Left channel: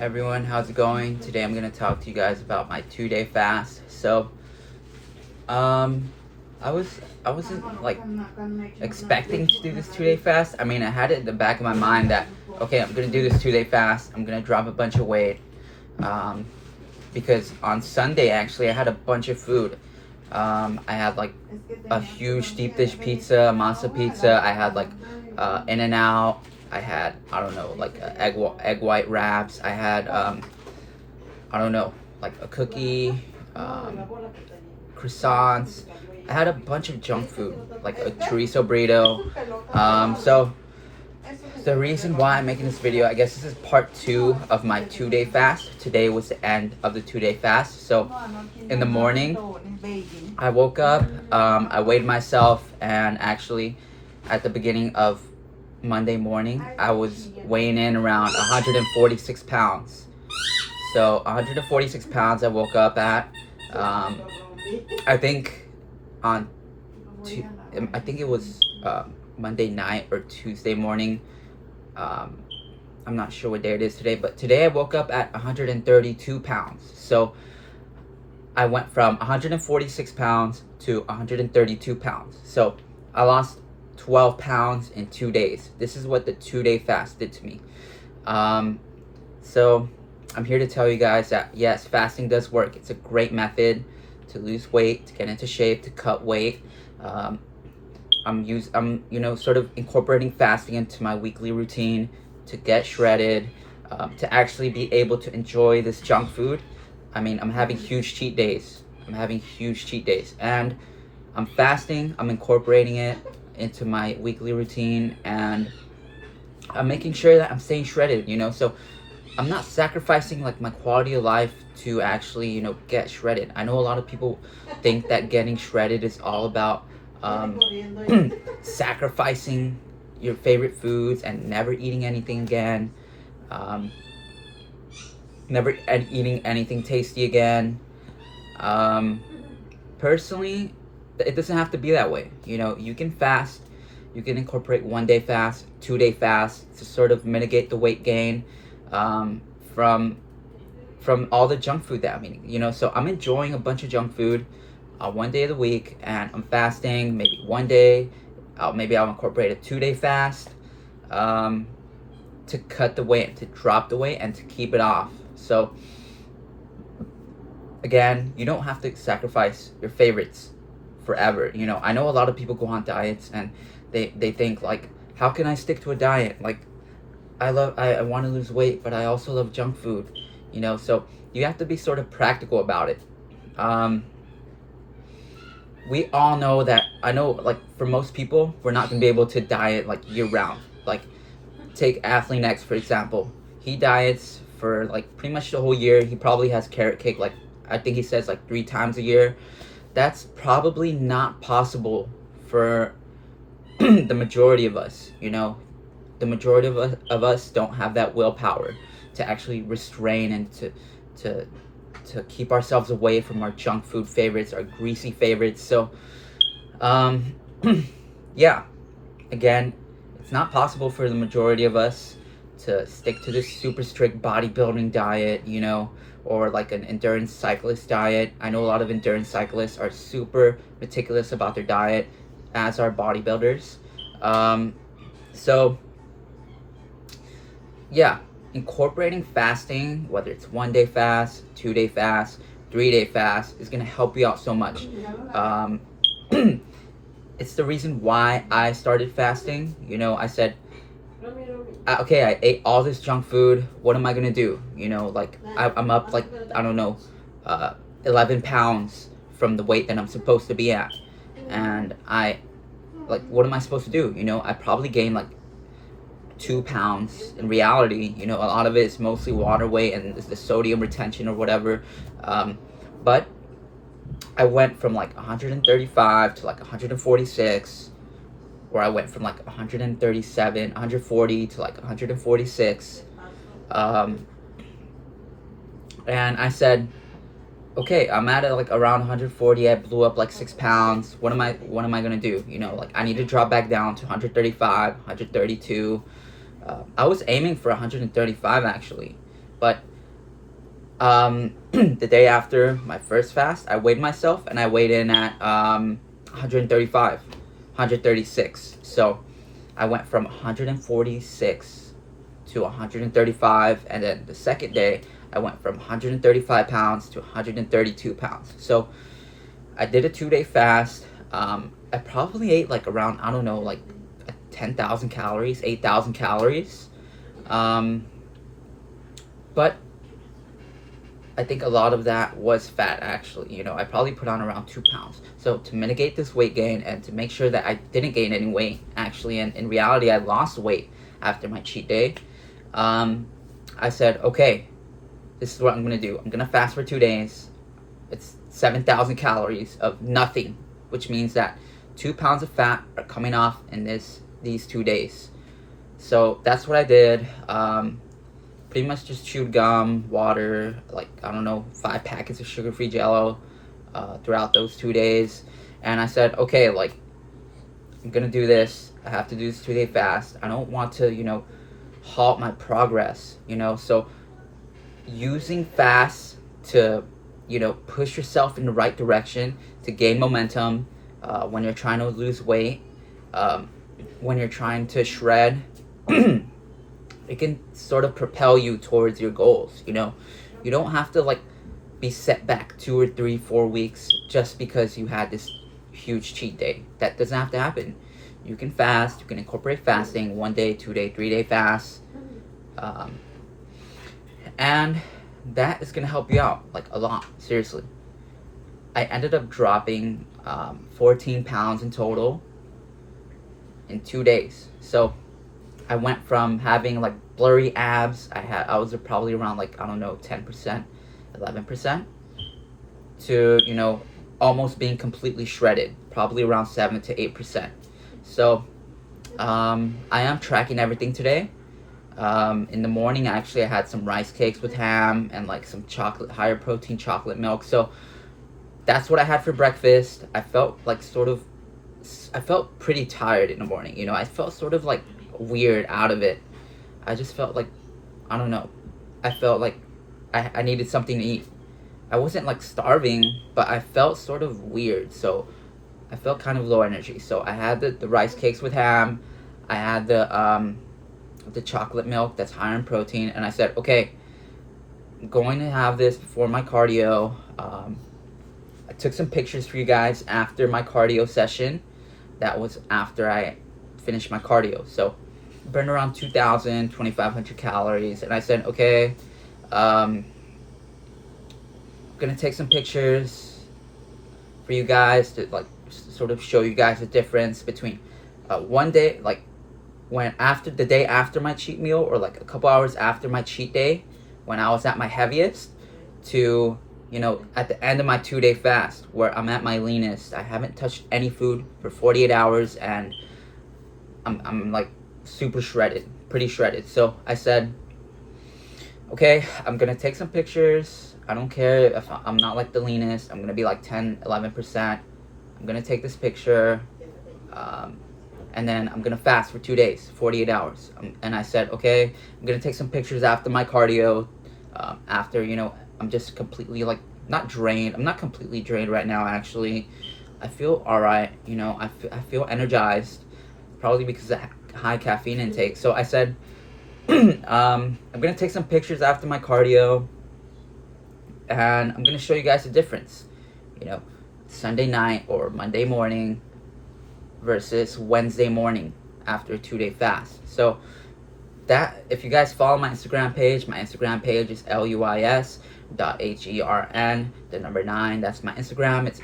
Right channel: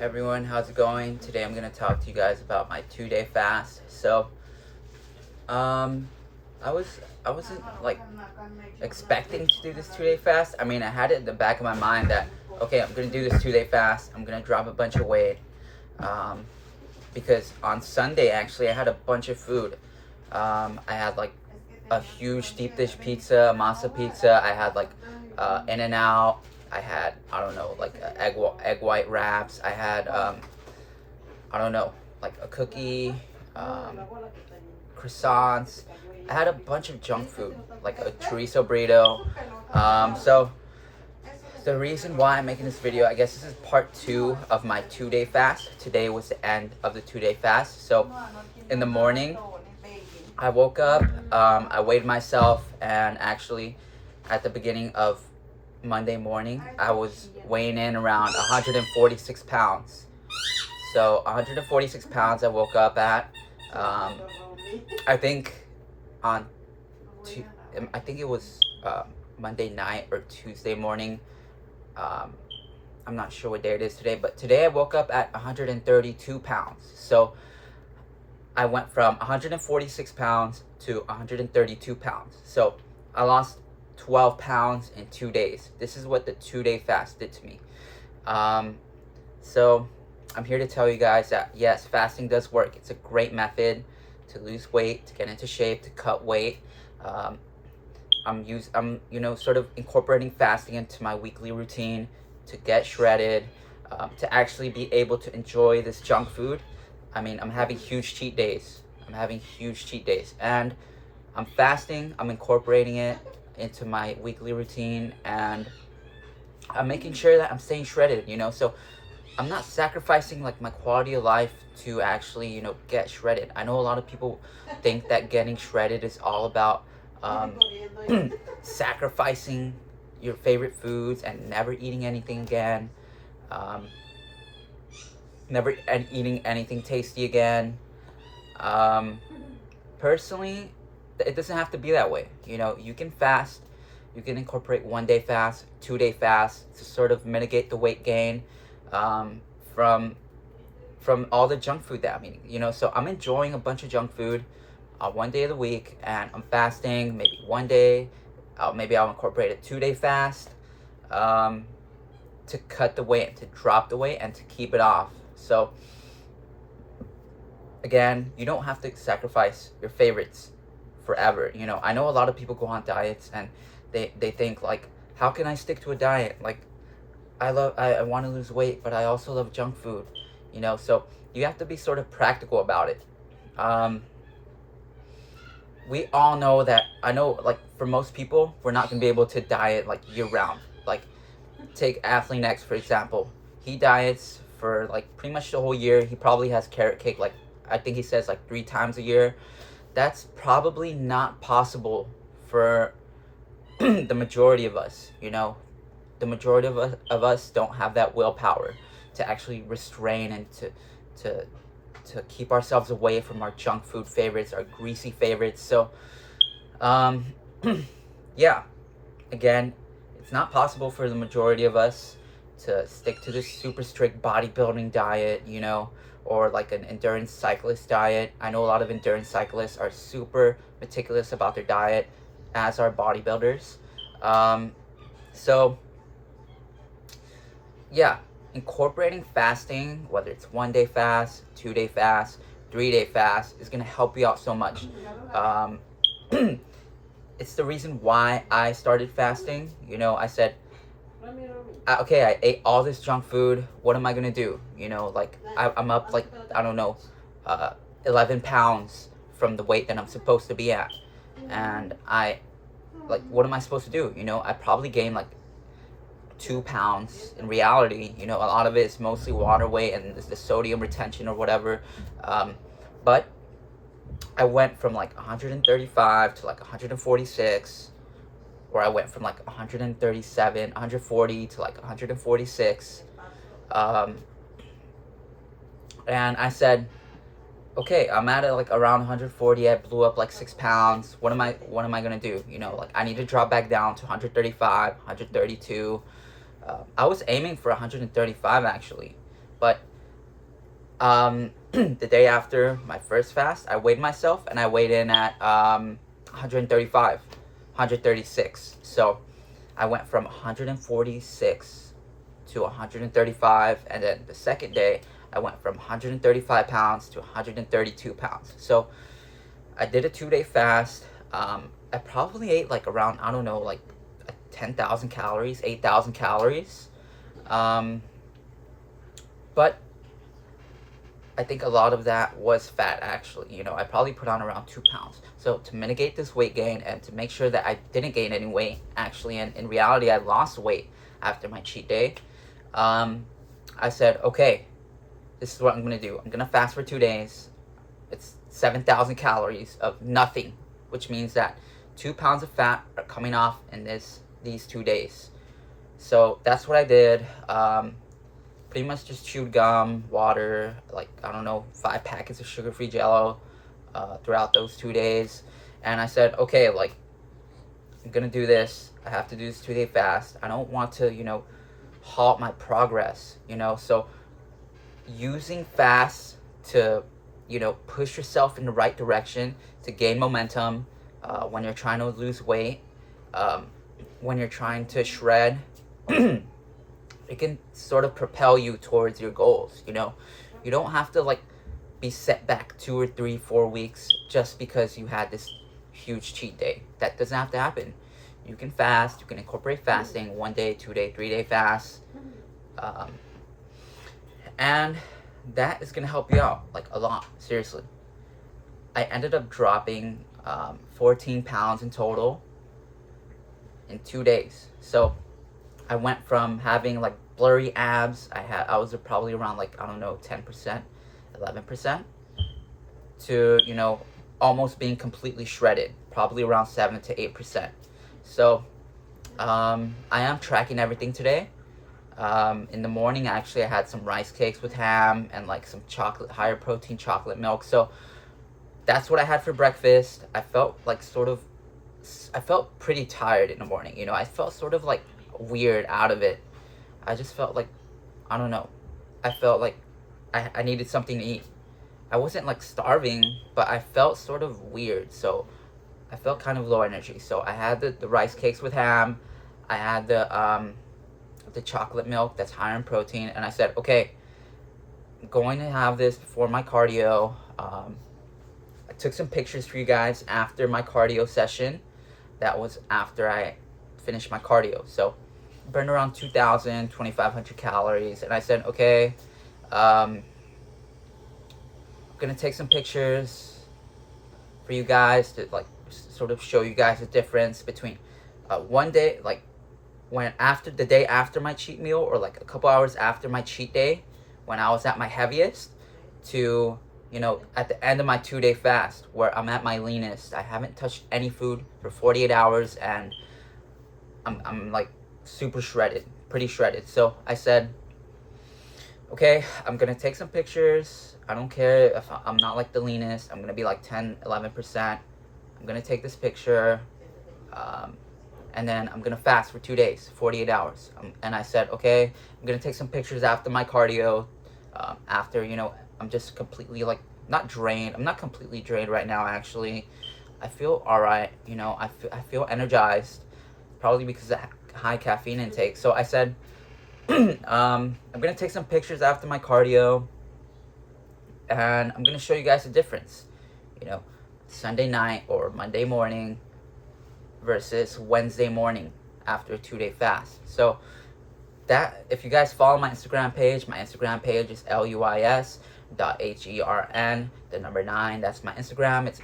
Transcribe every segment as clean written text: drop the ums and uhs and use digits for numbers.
Everyone, how's it going? Today I'm gonna talk to you guys about my 2-day fast. So, um, I wasn't like expecting to do this 2-day fast. I mean, I had it in the back of my mind that okay, I'm gonna do this 2-day fast. I'm gonna drop a bunch of weight. Um, because on Sunday actually I had a bunch of food. I had like a huge deep dish pizza, masa pizza. I had like In-N-Out. I had, I don't know, like egg white wraps. I had I don't know, like a cookie, croissants. I had a bunch of junk food, like a chorizo burrito. So the reason why I'm making this video, I guess this is part 2 of my 2-day fast. Today was the end of the 2-day fast. So in the morning, I woke up, I weighed myself, and actually at the beginning of Monday morning, I was weighing in around 146 pounds. So 146 pounds I woke up at. I think on I think it was Monday night or Tuesday morning. I'm not sure what day it is today, but today I woke up at 132 pounds. So I went from 146 pounds to 132 pounds. So I lost 12 pounds in 2 days. This is what the 2-day fast did to me. So I'm here to tell you guys that yes, fasting does work. It's a great method to lose weight, to get into shape, to cut weight. I'm sort of incorporating fasting into my weekly routine to get shredded, to actually be able to enjoy this junk food. I mean, I'm having huge cheat days. And I'm fasting. I'm incorporating it into my weekly routine, and I'm making sure that I'm staying shredded, so I'm not sacrificing like my quality of life to actually, get shredded. I know a lot of people think that getting shredded is all about sacrificing your favorite foods and never eating anything again, never eating anything tasty again. Personally, it doesn't have to be that way. You can fast. You can incorporate 1-day fast, 2-day fast to sort of mitigate the weight gain from all the junk food that I'm eating. So I'm enjoying a bunch of junk food 1 day of the week, and I'm fasting maybe 1 day. Maybe I'll incorporate a 2-day fast to cut the weight, to drop the weight, and to keep it off. So again, you don't have to sacrifice your favorites forever. I know a lot of people go on diets and they think like, how can I stick to a diet? Like, I want to lose weight, but I also love junk food. So you have to be sort of practical about it. We all know that, I know, like, for most people, we're not going to be able to diet, like, year-round. Like, take Athlete X, for example. He diets for, like, pretty much the whole year. He probably has carrot cake, like, I think he says, like, 3 times a year. That's probably not possible for the majority of us, The majority of us don't have that willpower to actually restrain and to keep ourselves away from our junk food favorites, our greasy favorites. So, yeah, again, it's not possible for the majority of us to stick to this super strict bodybuilding diet, or like an endurance cyclist diet. I know a lot of endurance cyclists are super meticulous about their diet, as are bodybuilders. So, yeah, incorporating fasting, whether it's 1-day fast, 2-day fast, 3-day fast, is going to help you out so much. It's the reason why I started fasting. I said, okay, I ate all this junk food. What am I going to do? Like, I'm up, like, I don't know, 11 pounds from the weight that I'm supposed to be at. And what am I supposed to do? I probably gained, like, 2 pounds. In reality, a lot of it is mostly water weight and the sodium retention or whatever. But I went from like 135 to like 146, or I went from like 137, 140 to like 146. And I said, okay, I'm at like around 140. I blew up like 6 pounds. What am I gonna do? Like, I need to drop back down to 135, 132. I was aiming for 135 actually. But the day after my first fast, I weighed myself and I weighed in at 135, 136. So I went from 146 to 135, and then the second day I went from 135 pounds to 132 pounds. So I did a 2-day fast. I probably ate like around, I don't know, like 10,000 calories, 8,000 calories. But I think a lot of that was fat, actually. You know, I probably put on around 2 pounds. So to mitigate this weight gain and to make sure that I didn't gain any weight, actually, and in reality, I lost weight after my cheat day, I said, okay, this is what I'm going to do. I'm going to fast for 2 days. It's 7,000 calories of nothing, which means that 2 pounds of fat are coming off in these 2 days. So that's what I did. Pretty much just chewed gum, water, like, I don't know, 5 packets of sugar-free Jell-O throughout those 2 days. And I said, okay, like, I'm gonna do this. I have to do this 2-day fast. I don't want to, you know, halt my progress, you know. So using fast to, you know, push yourself in the right direction to gain momentum when you're trying to lose weight, when you're trying to shred, it can sort of propel you towards your goals, you know. You don't have to, like, be set back 2 or 3, 4 weeks just because you had this huge cheat day. That doesn't have to happen. You can fast. You can incorporate fasting, 1 day, 2 day, 3 day fast, and that is gonna help you out, like, a lot. Seriously, I ended up dropping 14 pounds in total in 2 days. So I went from having like blurry abs, I was probably around, like, I don't know, 10%, 11%, to, you know, almost being completely shredded, probably around 7 to 8%. So I am tracking everything today. In the morning, actually, I had some rice cakes with ham and like some chocolate, higher protein chocolate milk. So that's what I had for breakfast. I felt like I felt pretty tired in the morning. You know, I felt sort of like weird out of it. I just felt like, I don't know. I felt like I needed something to eat. I wasn't like starving, but I felt sort of weird. So I felt kind of low energy. So I had the rice cakes with ham. I had the chocolate milk that's higher in protein, and I said, okay, I'm going to have this before my cardio. I took some pictures for you guys after my cardio session. That was after I finished my cardio. So burned around 2,000, 2,500 calories, and I said, okay, I'm gonna take some pictures for you guys to like sort of show you guys the difference between one day, like when after the day after my cheat meal, or like a couple hours after my cheat day when I was at my heaviest, to, you know, at the end of my 2-day fast where I'm at my leanest. I haven't touched any food for 48 hours and I'm like super shredded, pretty shredded. So I said, okay, I'm gonna take some pictures. I don't care if I'm not like the leanest. I'm gonna be like 10, 11%. I'm gonna take this picture, and then I'm gonna fast for 2 days, 48 hours. And I said, okay, I'm gonna take some pictures after my cardio, after, you know, I'm just completely like, not drained. I'm not completely drained right now, actually. I feel all right, you know, I feel energized, probably because of high caffeine intake. So I said, I'm gonna take some pictures after my cardio, and I'm gonna show you guys the difference, you know, Sunday night or Monday morning versus Wednesday morning after a 2-day fast. So that, if you guys follow my Instagram page is luis.hern, the number 9. That's my Instagram. It's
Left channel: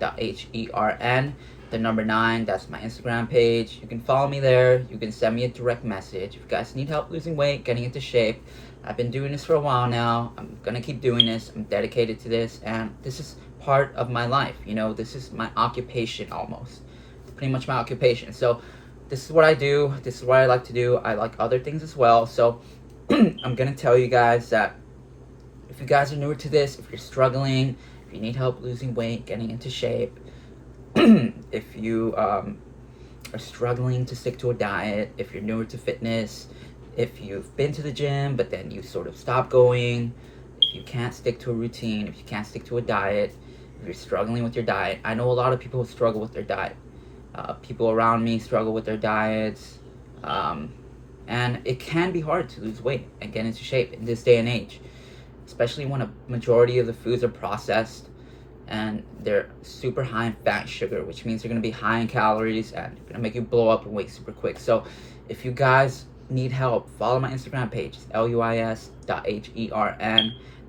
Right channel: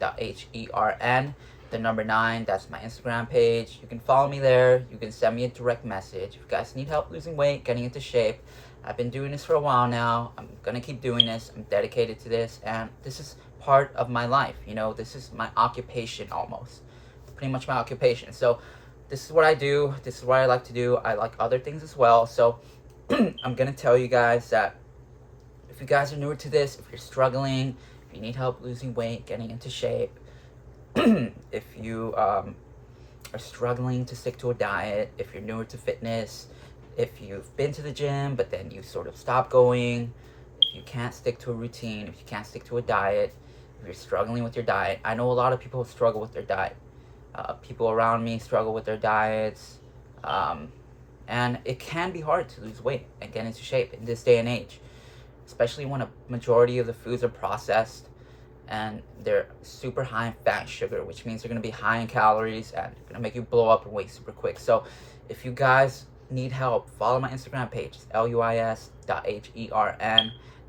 luis.hern, the number 9. That's my Instagram page. You can follow me there. You can send me a direct message if you guys need help losing weight, getting into shape. I've been doing this for a while now. I'm gonna keep doing this. I'm dedicated to this, and this is part of my life. You know, this is my occupation almost. It's pretty much my occupation. So this is what I do. This is what I like to do. I like other things as well. So I'm gonna tell you guys that if you guys are newer to this, if you're struggling, if you need help losing weight, getting into shape, if you are struggling to stick to a diet, if you're newer to fitness, if you've been to the gym, but then you sort of stop going, if you can't stick to a routine, if you can't stick to a diet, if you're struggling with your diet. I know a lot of people struggle with their diet. People around me struggle with their diets. And it can be hard to lose weight and get into shape in this day and age, especially when a majority of the foods are processed and they're super high in fat and sugar, which means they're going to be high in calories and going to make you blow up in weight super quick. So if you guys need help, follow my Instagram page. It's luis.hern,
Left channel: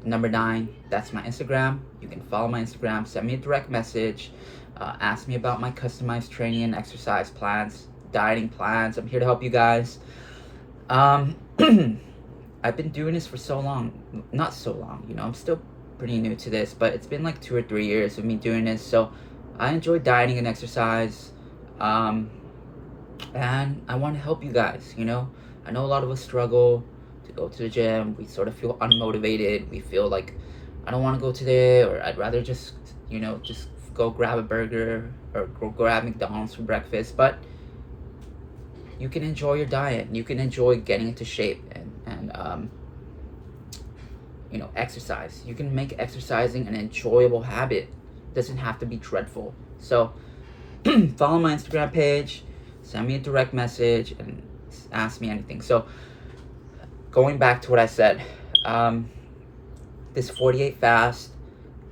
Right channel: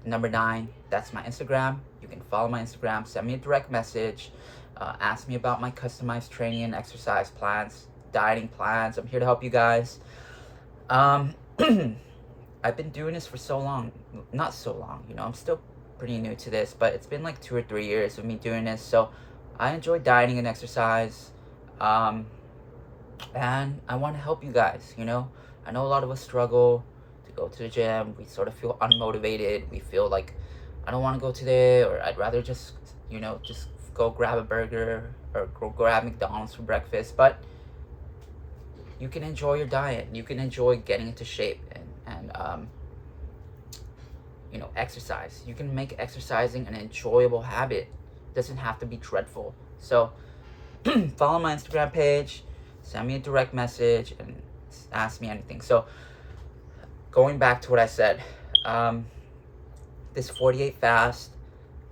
number 9. That's my Instagram. You can follow my Instagram, send me a direct message, ask me about my customized training and exercise plans, dieting plans. I'm here to help you guys. I've been doing this for so long, not so long, you know, I'm still pretty new to this, but it's been like 2 or 3 years of me doing this. So I enjoy dieting and exercise, and I want to help you guys. You know, I know a lot of us struggle to go to the gym. We sort of feel unmotivated. We feel like I don't want to go today, or I'd rather just, you know, just go grab a burger or go grab McDonald's for breakfast. But you can enjoy your diet. You can enjoy getting into shape and you know, exercise. You can make exercising an enjoyable habit. It doesn't have to be dreadful. So follow my Instagram page, send me a direct message, and ask me anything. So going back to what I said, this 48 fast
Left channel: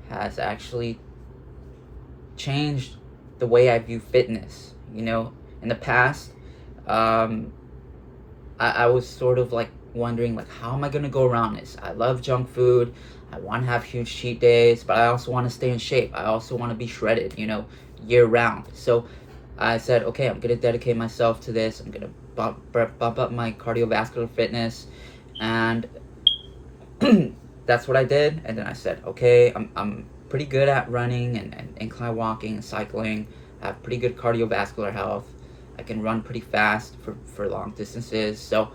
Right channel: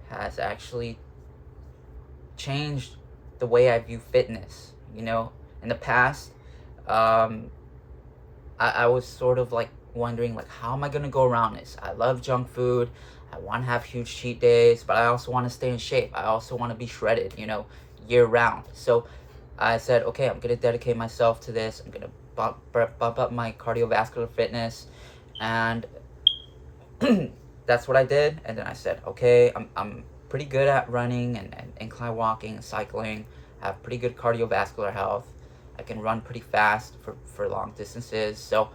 has actually changed the way I view fitness. You know, in the past, I was sort of like wondering, like, how am I gonna go around this? I love junk food. I want to have huge cheat days, but I also want to stay in shape. I also want to be shredded, you know, year round. So I said, okay, I'm gonna dedicate myself to this. I'm gonna bump up my cardiovascular fitness, and that's what I did. And then I said, okay, I'm pretty good at running and incline walking and cycling. I have pretty good cardiovascular health. I can run pretty fast for long distances. So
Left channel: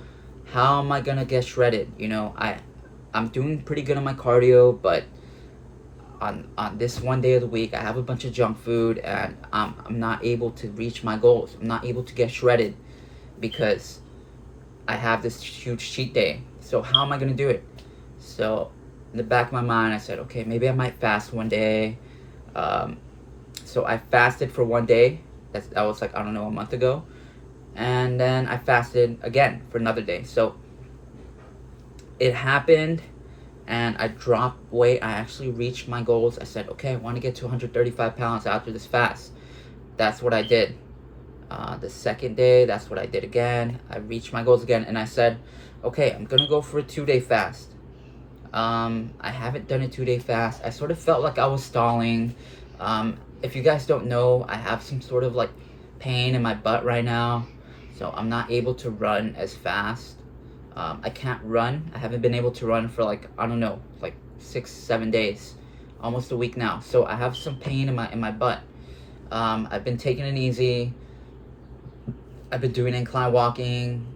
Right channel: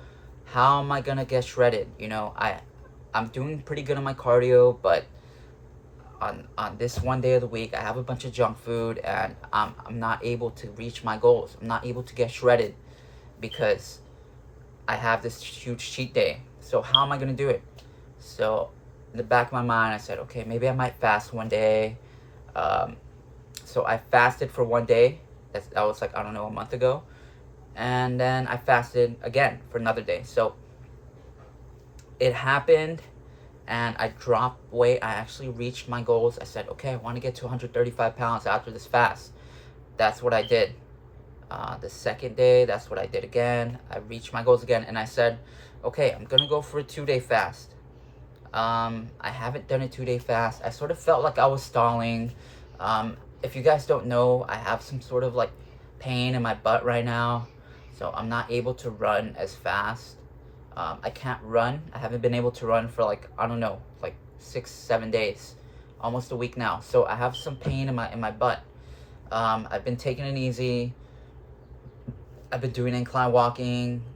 how am I gonna get shredded? You know, I'm doing pretty good on my cardio, but on this one day of the week, I have a bunch of junk food, and I'm not able to reach my goals. I'm not able to get shredded because I have this huge cheat day. So how am I gonna do it? So in the back of my mind, I said, okay, maybe I might fast one day. So I fasted for one day. That was like, I don't know, a month ago. And then I fasted again for another day. So it happened, and I dropped weight. I actually reached my goals. I said, okay, I want to get to 135 pounds after this fast. That's what I did. The second day, that's what I did again. I reached my goals again, and I said, okay, I'm gonna go for a 2-day fast. I haven't done a 2-day fast. I sort of felt like I was stalling. If you guys don't know, I have some sort of like pain in my butt right now, so I'm not able to run as fast. I can't run. I haven't been able to run for like, I don't know, like 6-7 days, almost a week now. So I have some pain in my butt. I've been taking it easy. I've been doing incline walking,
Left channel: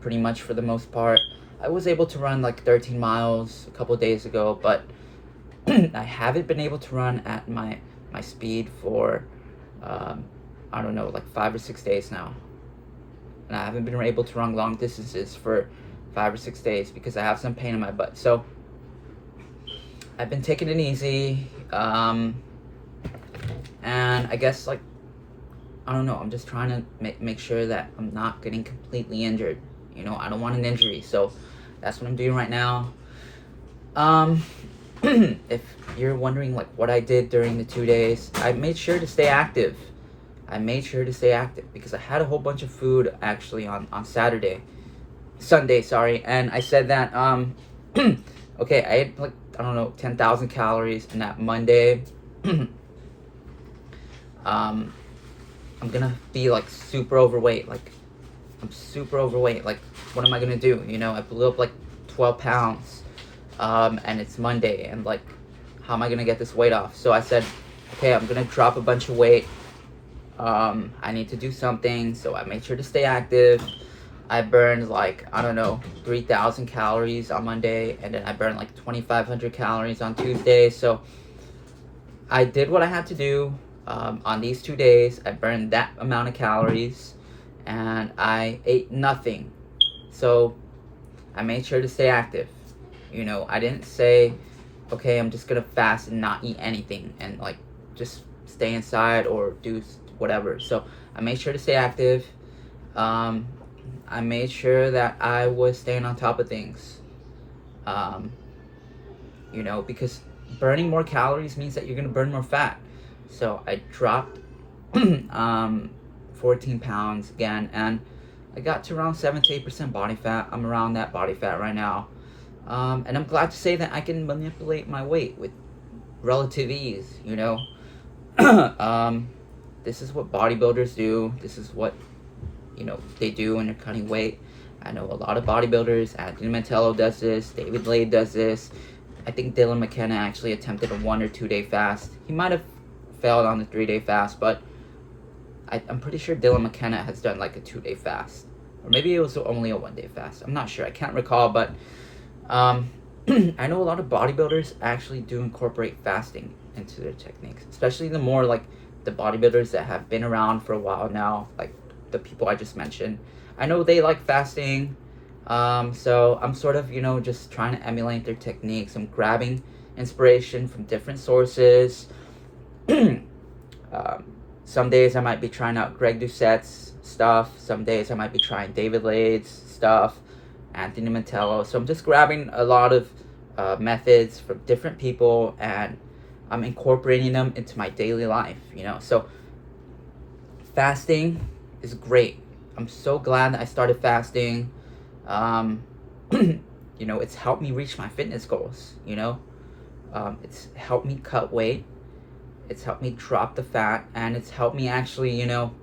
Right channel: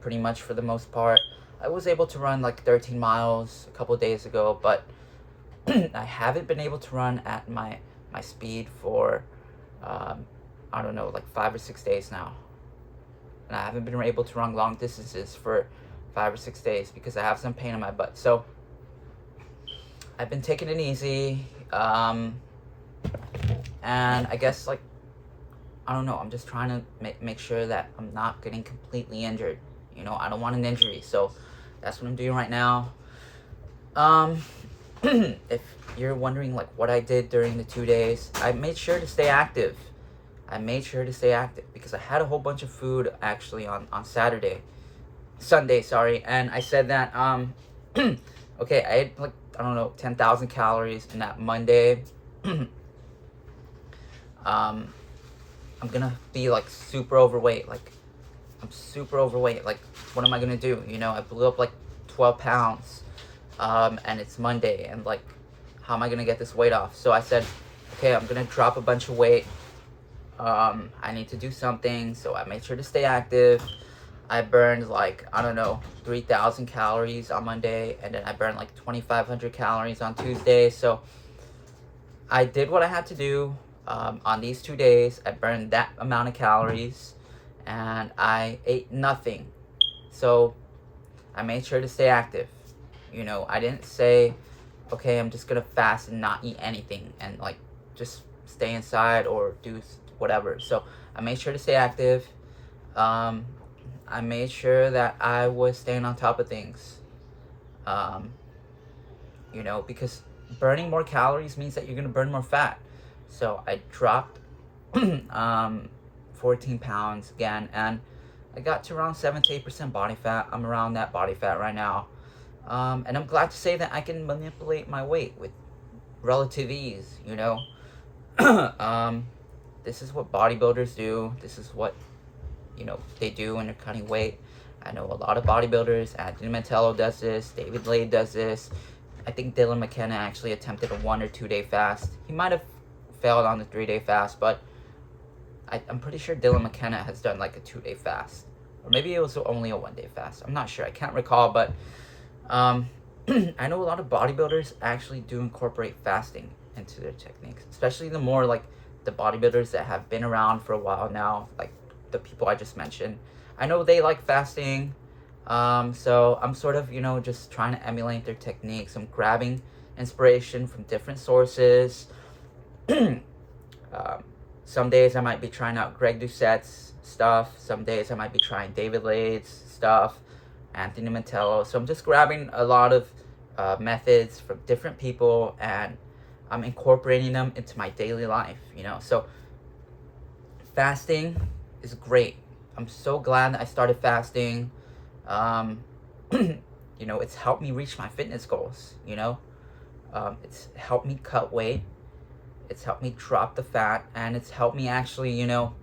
pretty much for the most part. I was able to run like 13 miles a couple days ago, but I haven't been able to run at my speed for, I don't know, like 5 or 6 days now. And I haven't been able to run long distances for 5 or 6 days because I have some pain in my butt. So I've been taking it easy, and I guess, like, I don't know, I'm just trying to make sure that I'm not getting completely injured. You know, I don't want an injury, so that's what I'm doing right now. If you're wondering like what I did during the 2 days, I made sure to stay active. Because I had a whole bunch of food actually on Sunday, sorry, and I said that okay, I had like, I don't know, 10,000 calories, and that Monday I'm gonna be like super overweight. Like, I'm super overweight. Like, what am I gonna do? You know, I blew up like 12 pounds, and it's Monday, and like, how am I gonna get this weight off? So I said, okay, I'm gonna drop a bunch of weight. I need to do something, so I made sure to stay active. I burned like, I don't know, 3,000 calories on Monday, and then I burned like 2,500 calories on Tuesday. So I did what I had to do. On these 2 days, I burned that amount of calories, and I ate nothing. So I made sure to stay active. You know, I didn't say, okay, I'm just gonna fast and not eat anything and like just stay inside or do whatever. So I made sure to stay active. Um, I made sure that I was staying on top of things. Um, you know, because burning more calories means that you're gonna burn more fat. So I dropped 14 pounds again, and I got to around 7 to 8% body fat. I'm around that body fat right now. And I'm glad to say that I can manipulate my weight with relative ease, you know. This is what bodybuilders do. This is what, you know, they do when they're cutting weight. I know a lot of bodybuilders. Anthony Mantello does this. David Lade does this. I think Dylan McKenna actually attempted a 1 or 2 day fast. He might have failed on the 3-day fast, but I'm pretty sure Dylan McKenna has done like a 2-day fast. Or maybe it was only a 1-day fast. I'm not sure. I can't recall, but I know a lot of bodybuilders actually do incorporate fasting into their techniques, especially the more like the bodybuilders that have been around for a while now, like the people I just mentioned. I know they like fasting, so I'm sort of, you know, just trying to emulate their techniques. I'm grabbing inspiration from different sources. Some days I might be trying out Greg Doucette's stuff. Some days I might be trying David Lade's stuff, Anthony Mantello. So I'm just grabbing a lot of methods from different people, and I'm incorporating them into my daily life, you know. So fasting is great. I'm so glad that I started fasting. You know, it's helped me reach my fitness goals, you know. It's helped me cut weight. It's helped me drop the fat, and it's helped me actually, you know,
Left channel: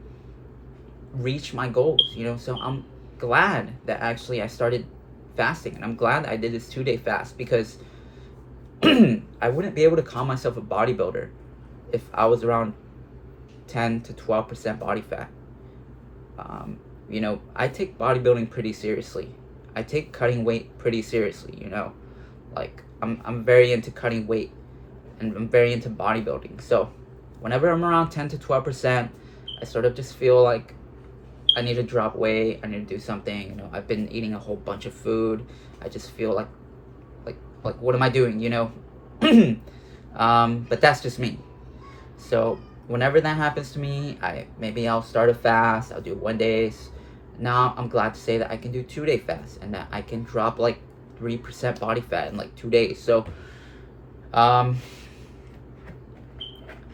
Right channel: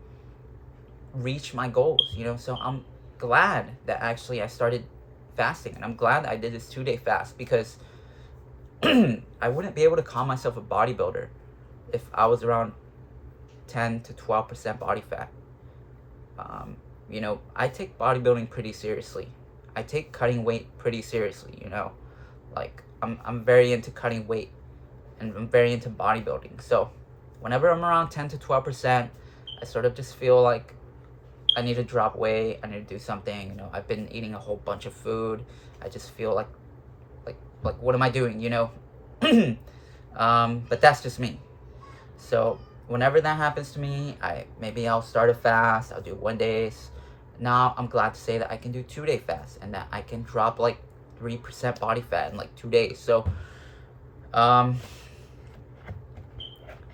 reach my goals, you know. So I'm glad that actually I started fasting, and I'm glad I did this 2-day fast, because I wouldn't be able to call myself a bodybuilder if I was around 10 to 12% body fat. You know, I take bodybuilding pretty seriously. I take cutting weight pretty seriously, you know. Like, I'm very into cutting weight, and I'm very into bodybuilding. So whenever I'm around 10 to 12%, I sort of just feel like I need to drop weight. I need to do something. You know, I've been eating a whole bunch of food. I just feel like what am I doing, you know? But that's just me. So whenever that happens to me, maybe I'll start a fast. I'll do 1-days. Now I'm glad to say that I can do 2-day fasts, and that I can drop like 3% body fat in like 2 days. So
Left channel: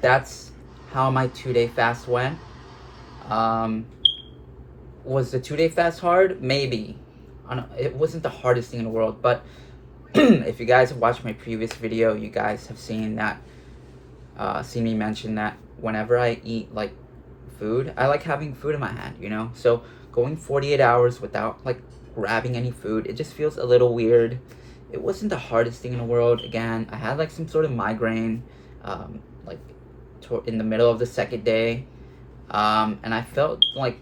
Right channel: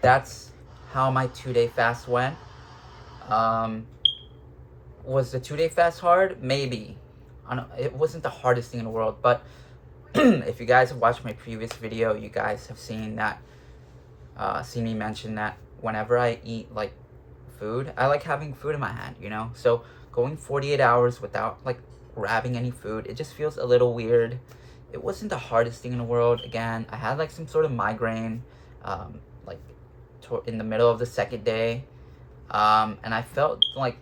that's how my 2-day fast went. Was the 2-day fast hard? Maybe. It wasn't the hardest thing in the world, but if you guys have watched my previous video, you guys have seen that, seen me mention that whenever I eat like food, I like having food in my hand, you know? So going 48 hours without like grabbing any food, it just feels a little weird. It wasn't the hardest thing in the world. Again, I had like some sort of migraine, like in the middle of the 2nd day, and I felt like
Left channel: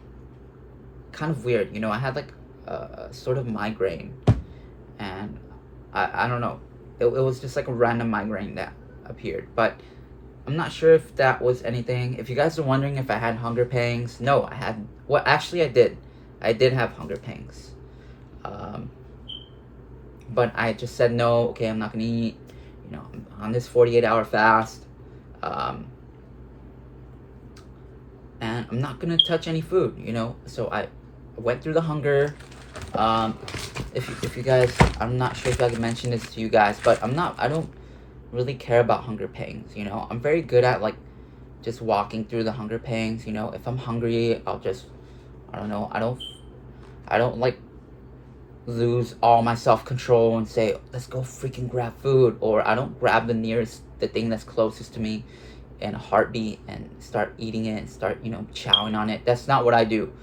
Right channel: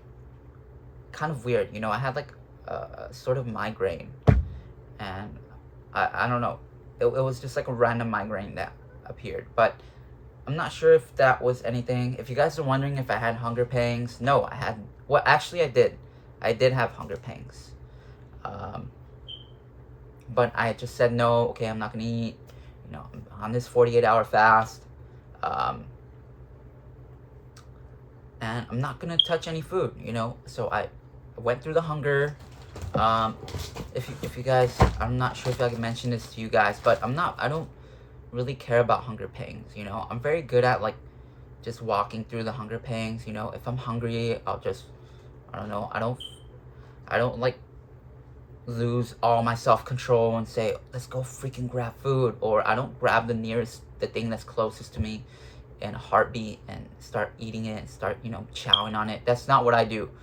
kind of weird, you know. I had like a sort of migraine, and I don't know, it was just like a random migraine that appeared, but I'm not sure if that was anything. If you guys are wondering if I had hunger pangs, no, I had. Well, actually, I did have hunger pangs, but I just said no. Okay, I'm not gonna eat, you know. I'm on this 48-hour fast, and I'm not gonna touch any food, you know. So I went through the hunger. If you guys, I'm not sure if I can mention this to you guys, but I don't really care about hunger pangs, you know. I'm very good at like just walking through the hunger pangs, you know. If I'm hungry, I'll just, I don't know, I don't like lose all my self-control and say, let's go freaking grab food, or I don't grab the thing that's closest to me in a heartbeat and start eating it and start, you know, chowing on it. That's not what I do.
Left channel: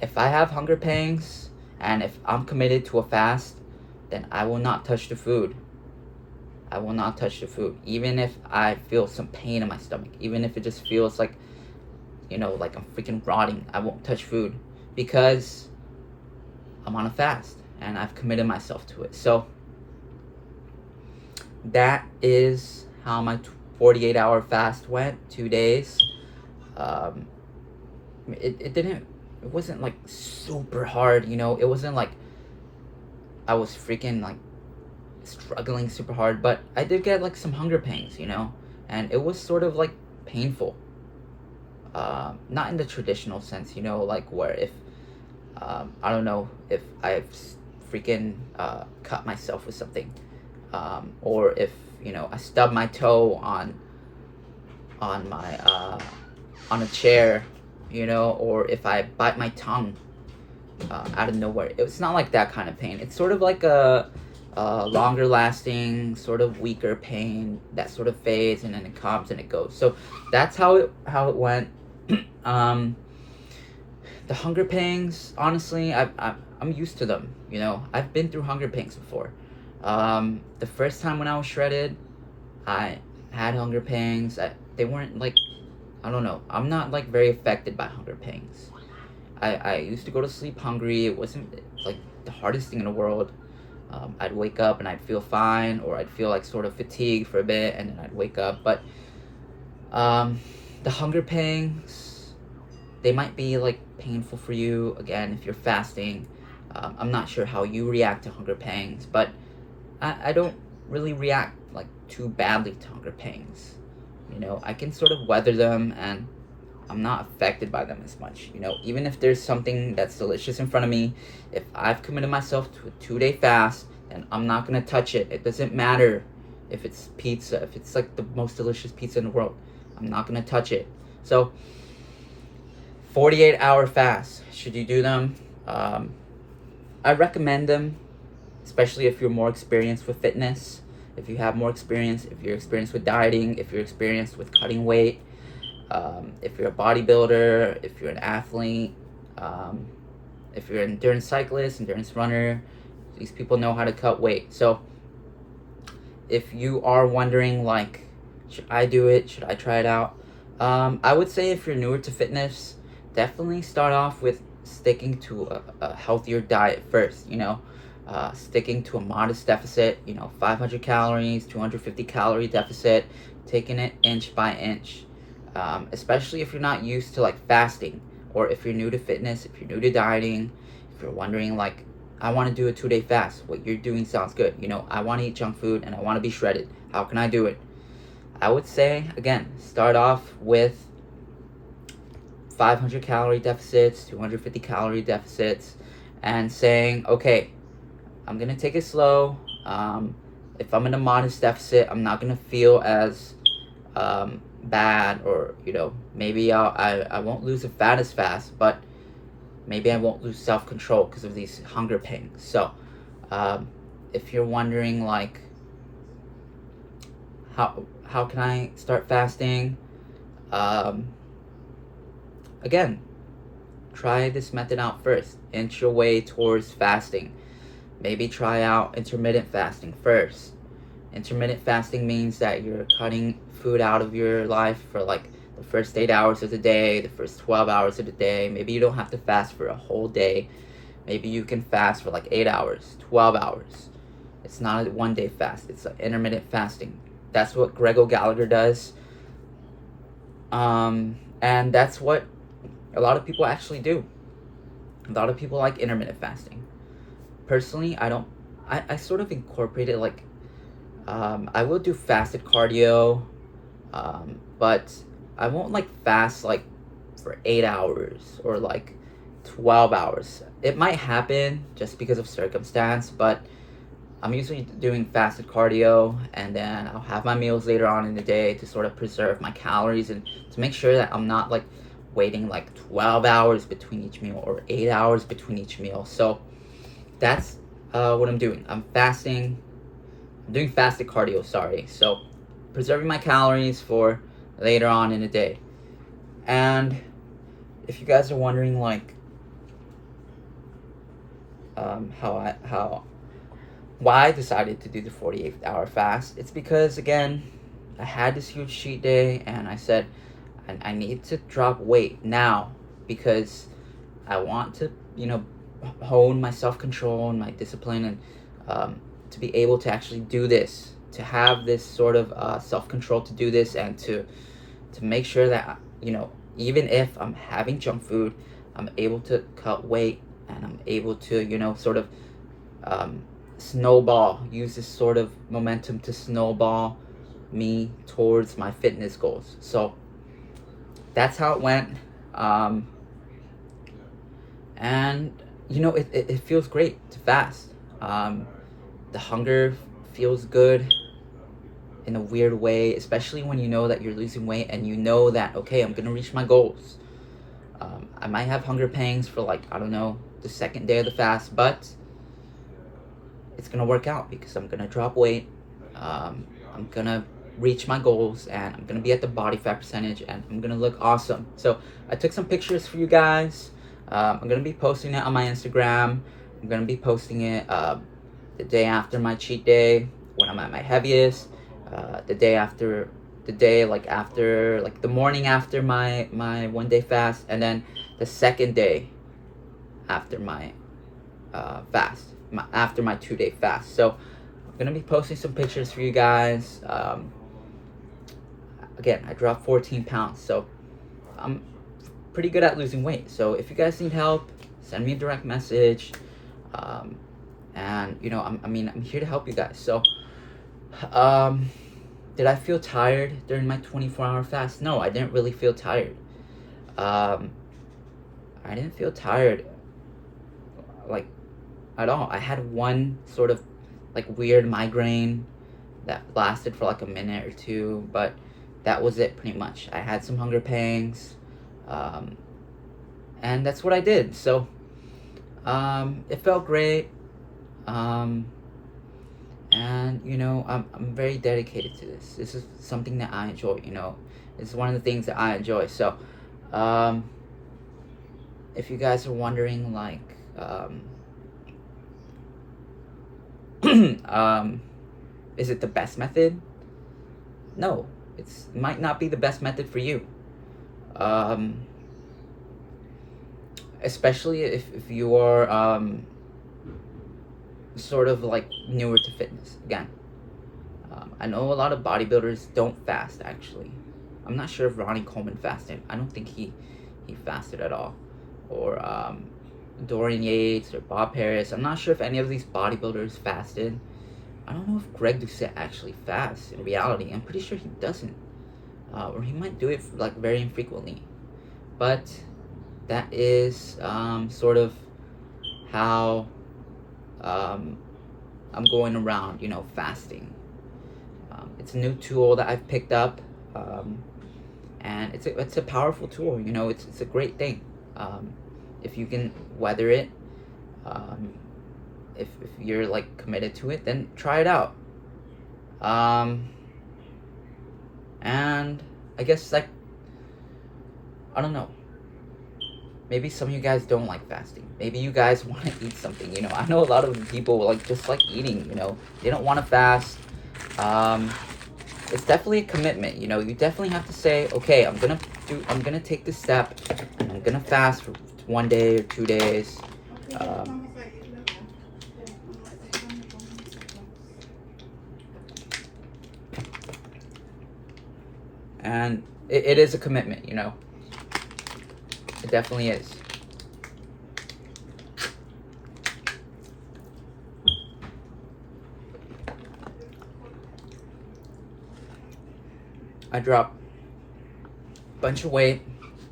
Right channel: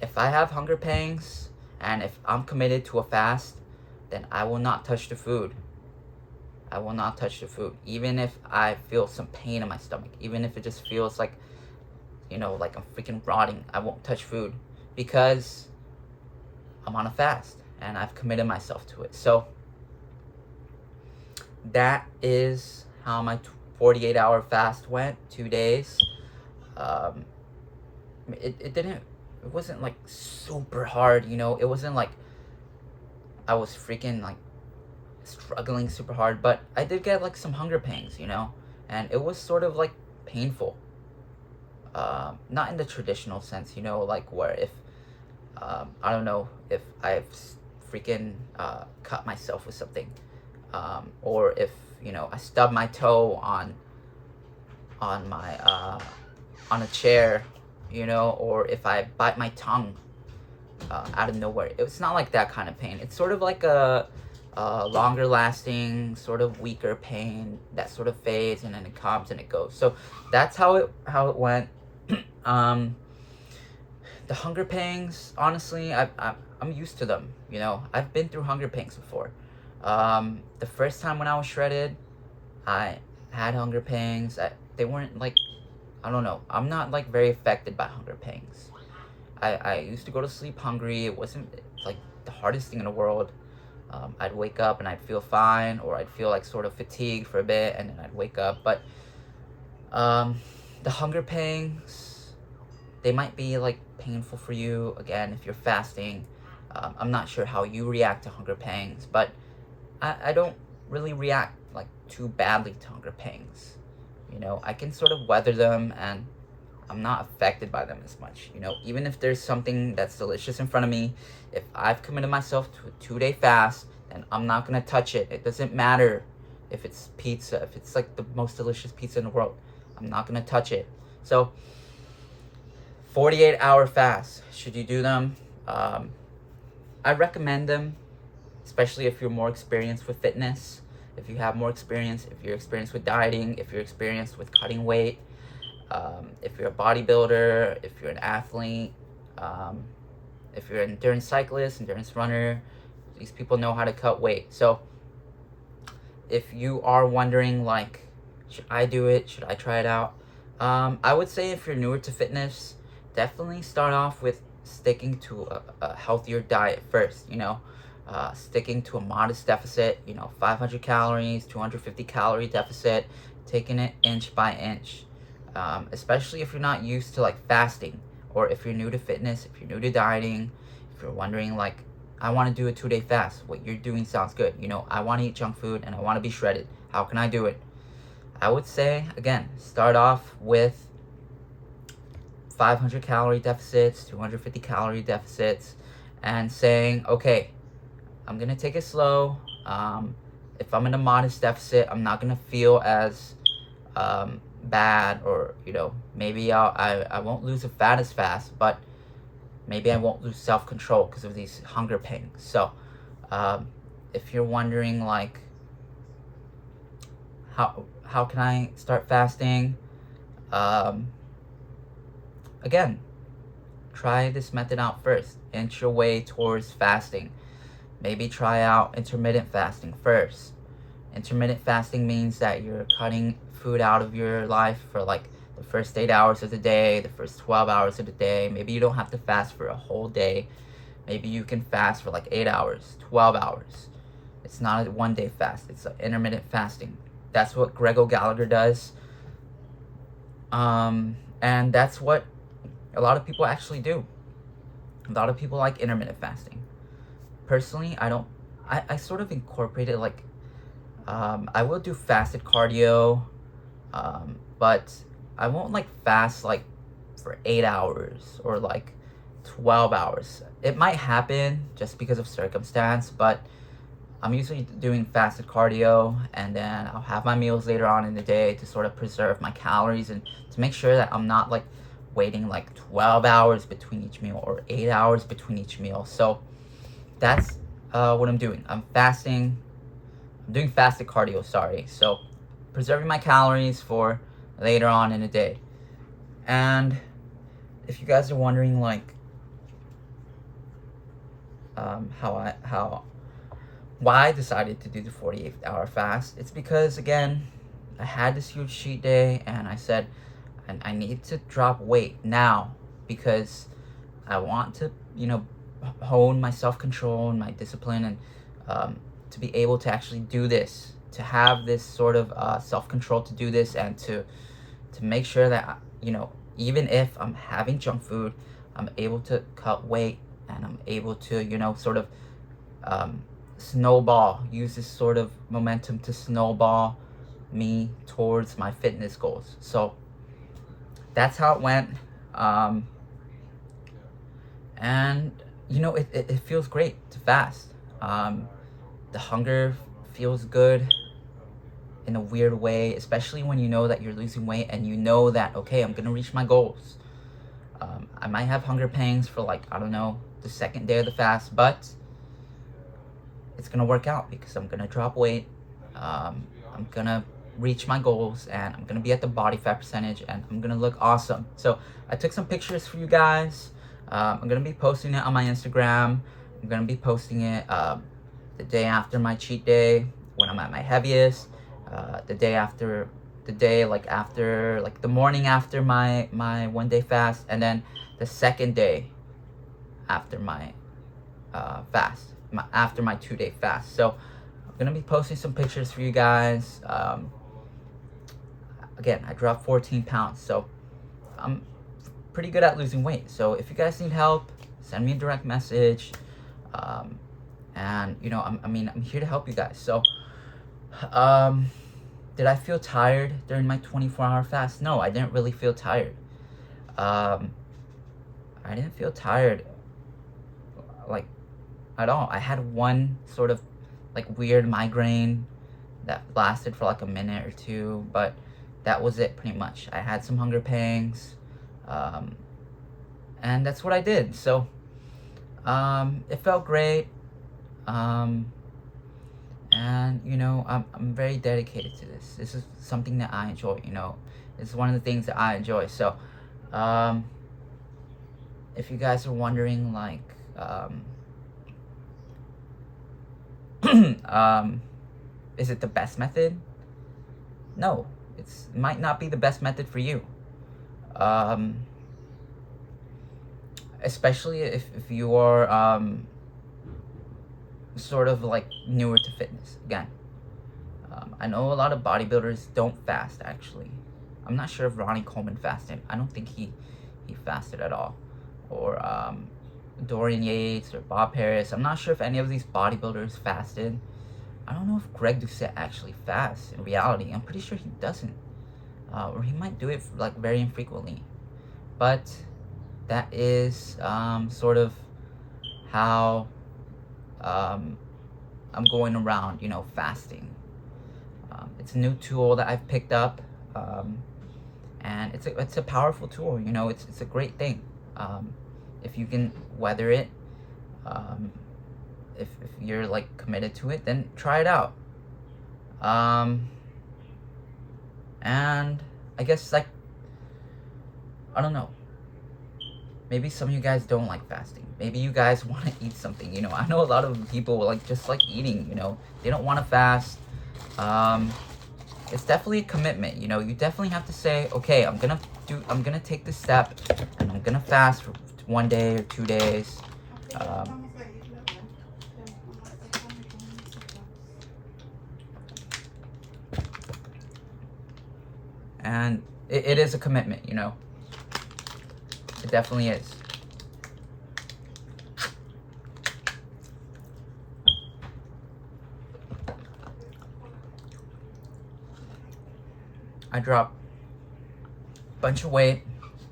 If I have hunger pangs and if I'm committed to a fast, then I will not touch the food. I will not touch the food, even if I feel some pain in my stomach, even if it just feels like, you know, like I'm freaking rotting. I won't touch food, because I'm on a fast and I've committed myself to it. So that is how my 48-hour fast went, 2 days. It it wasn't like super hard, you know. It wasn't like I was freaking like struggling super hard, but I did get like some hunger pangs, you know, and it was sort of like painful. Not in the traditional sense, you know, like where if I don't know if I've freaking cut myself with something, or if you know I stub my toe on my on a chair, you know, or if I bite my tongue out of nowhere. It's not like that kind of pain. It's sort of like a longer lasting, sort of weaker pain that sort of fades and then it comes and it goes. So that's how it went. The hunger pangs, honestly, I'm used to them. You know, I've been through hunger pangs before. The first time when I was shredded, I had hunger pangs. They weren't like, I don't know. I'm not like very affected by hunger pangs. I used to go to sleep hungry. It wasn't like the hardest thing in the world. I'd wake up and I'd feel fine, or I'd feel like sort of fatigued for a bit, and then I'd wake up. But the hunger pangs, they might be like painful for you again if you're fasting. I'm not sure how you react to hunger pangs, but I don't really react like too badly to hunger pangs. You know, I can sort of weather them, and I'm not affected by them as much. You know, even if there's something that's delicious in front of me, if I've committed myself to a 2-day fast, then I'm not gonna touch it. It doesn't matter if it's pizza, if it's like the most delicious pizza in the world, I'm not gonna touch it. So 48-hour fast, should you do them? I recommend them, especially if you're more experienced with fitness, if you have more experience, if you're experienced with dieting, if you're experienced with cutting weight, if you're a bodybuilder, if you're an athlete, if you're an endurance cyclist, endurance runner. These people know how to cut weight. So if you are wondering, like, should I do it? Should I try it out? I would say if you're newer to fitness, definitely start off with sticking to a healthier diet first, you know. Sticking to a modest deficit, you know, 500 calories, 250 calorie deficit, taking it inch by inch. Especially if you're not used to like fasting, or if you're new to fitness, if you're new to dieting, if you're wondering like, I want to do a 2-day fast, what you're doing sounds good, you know, I want to eat junk food and I want to be shredded, how can I do it? I would say, again, start off with 500 calorie deficits, 250 calorie deficits, and saying, okay, I'm gonna take it slow. If I'm in a modest deficit, I'm not gonna feel as bad, or you know, maybe I won't lose the fat as fast, but maybe I won't lose self-control because of these hunger pangs. So if you're wondering like, how can I start fasting, again, try this method out first. Inch your way towards fasting. Maybe try out intermittent fasting first. Intermittent fasting means that you're cutting food out of your life for like the first 8 hours of the day, the first 12 hours of the day. Maybe you don't have to fast for a whole day. Maybe you can fast for like 8 hours, 12 hours. It's not a 1-day fast. It's intermittent fasting. That's what Gregor Gallagher does. And that's what a lot of people actually do. A lot of people like intermittent fasting. Personally, I sort of incorporated like, I will do fasted cardio, but I won't like fast like for 8 hours or like 12 hours. It might happen just because of circumstance, but I'm usually doing fasted cardio, and then I'll have my meals later on in the day to sort of preserve my calories and to make sure that I'm not like waiting like 12 hours between each meal or 8 hours between each meal. So that's what I'm doing. I'm doing fasted cardio, sorry. So preserving my calories for later on in the day. And if you guys are wondering like why I decided to do the 48-hour fast, it's because again, I had this huge cheat day and I said I need to drop weight now because I want to, you know, hone my self-control and my discipline, and to be able to actually do this, to have this sort of self-control to do this, and to make sure that, you know, even if I'm having junk food, I'm able to cut weight, and I'm able to, you know, sort of snowball, use this sort of momentum to snowball me towards my fitness goals. So that's how it went. And you know, it feels great to fast. The hunger feels good in a weird way, especially when you know that you're losing weight and you know that, okay, I'm gonna reach my goals. I might have hunger pangs for, like, I don't know, the second day of the fast, but it's gonna work out because I'm gonna drop weight. I'm gonna reach my goals, and I'm gonna be at the body fat percentage, and I'm gonna look awesome. So I took some pictures for you guys. I'm gonna be posting it on my Instagram. I'm gonna be posting it the day after my cheat day, when I'm at my heaviest, the day like after, like the morning after my 1 day fast, and then the second day after my fast, after my 2 day fast. So I'm gonna be posting some pictures for you guys. Again, I dropped 14 pounds, so I'm pretty good at losing weight. So if you guys need help, send me a direct message. And you know, I'm here to help you guys. So did I feel tired during my 24-hour fast? No, I didn't really feel tired. I didn't feel tired, like, at all. I had one sort of like weird migraine that lasted for like a minute or two, but that was it pretty much. I had some hunger pangs, and that's what I did. So it felt great. And you know, I'm very dedicated to this. This is something that I enjoy, you know. It's one of the things that I enjoy. So if you guys are wondering, like, is it the best method? No, it might not be the best method for you. Especially if you are sort of like newer to fitness. Again, I know a lot of bodybuilders don't fast, actually. I'm not sure if Ronnie Coleman fasted. I don't think he fasted at all. Or Dorian Yates or Bob Harris. I'm not sure if any of these bodybuilders fasted. I don't know if Greg Doucette actually fasts in reality. I'm pretty sure he doesn't. Or he might do it like very infrequently. But that is sort of how I'm going around, you know, fasting. It's a new tool that I've picked up, and it's a powerful tool. You know, it's a great thing. If you can weather it, if you're like committed to it, then try it out. And I guess, like, I don't know. Maybe some of you guys don't like fasting. Maybe you guys want to eat something, you know. I know a lot of people like just like eating, you know. They don't want to fast. It's definitely a commitment, you know. You definitely have to say, okay, I'm gonna take this step, and I'm gonna fast for 1 day or 2 days. And it is a commitment, you know. It definitely is. I dropped a bunch of weight.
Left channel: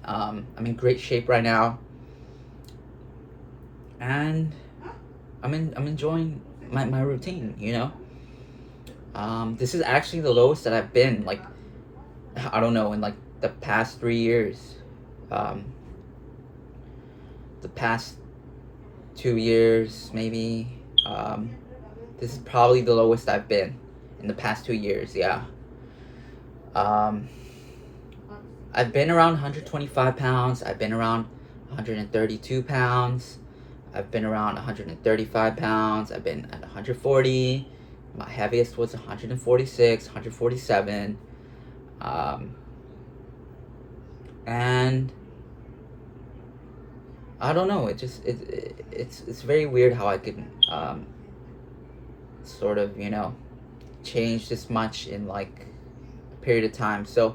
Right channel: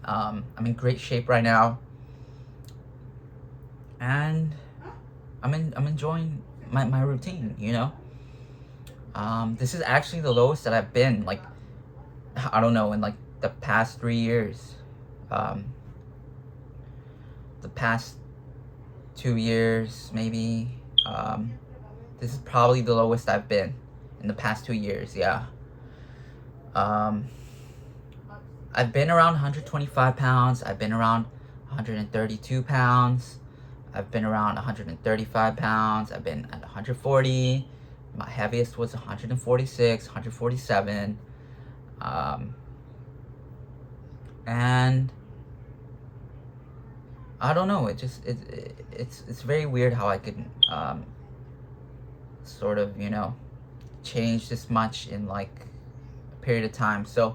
I'm in great shape right now, and I'm enjoying my routine, you know. This is actually the lowest that I've been, like, I don't know, in like the past 3 years. The past 2 years, maybe. This is probably the lowest I've been in the past 2 years. Yeah. I've been around 125 pounds. I've been around 132 pounds. I've been around 135 pounds. I've been at 140. My heaviest was 146, 147. And I don't know. It's very weird how I could sort of, you know, change this much in like a period of time. So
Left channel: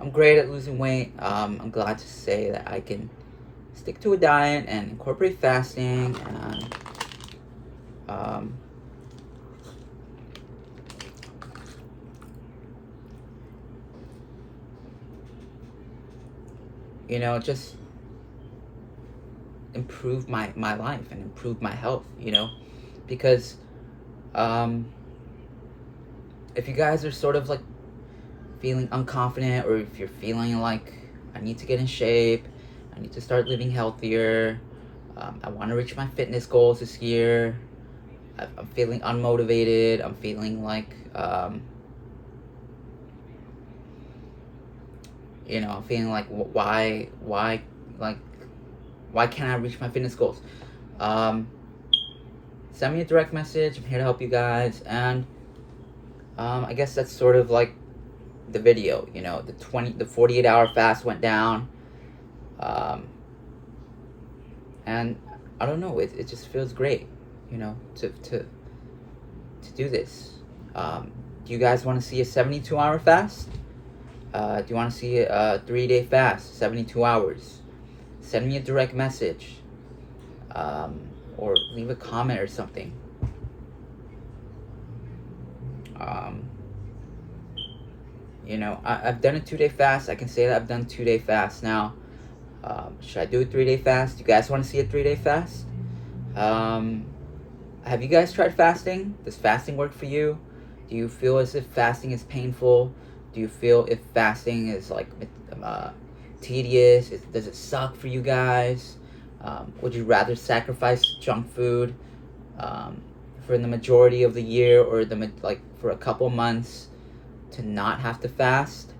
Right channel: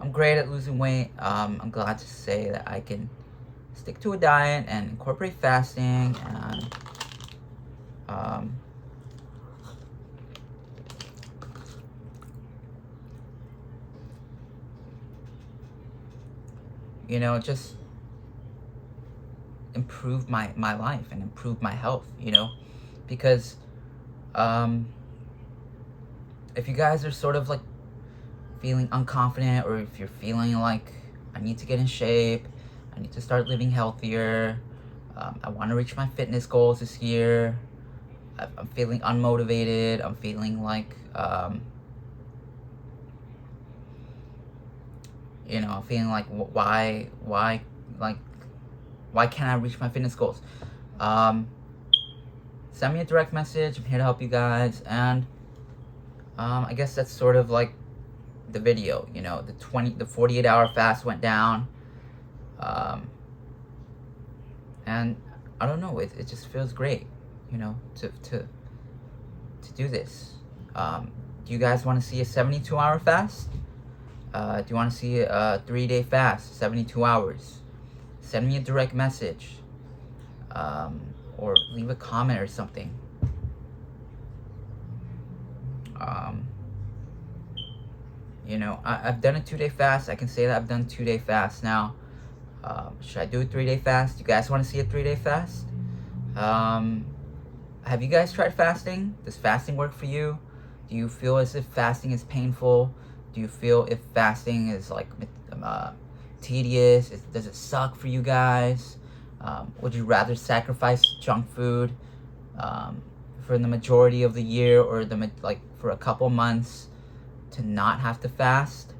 I'm great at losing weight. I'm glad to say that I can stick to a diet and incorporate fasting and you know, just improve my life and improve my health, you know, because if you guys are sort of like feeling unconfident, or if you're feeling like I need to get in shape, I need to start living healthier, I want to reach my fitness goals this year, I'm feeling unmotivated, I'm feeling like you know, I'm feeling like why can't I reach my fitness goals? Send me a direct message. I'm here to help you guys. And I guess that's sort of like the video. You know, the 48-hour fast went down, and I don't know. It just feels great, you know, to do this. Do you guys want to see a 72-hour fast? Do you want to see a 3-day fast, 72 hours? Send me a direct message, or leave a comment or something. You know, I've done a 2-day fast. I can say that I've done 2-day fast now. Should I do a 3-day fast? You guys want to see a 3-day fast? Have you guys tried fasting? Does fasting work for you? Do you feel as if fasting is painful? Do you feel if fasting is like tedious? Does it suck for you guys? Would you rather sacrifice junk food for the majority of the year, or for a couple months, to not have to fast?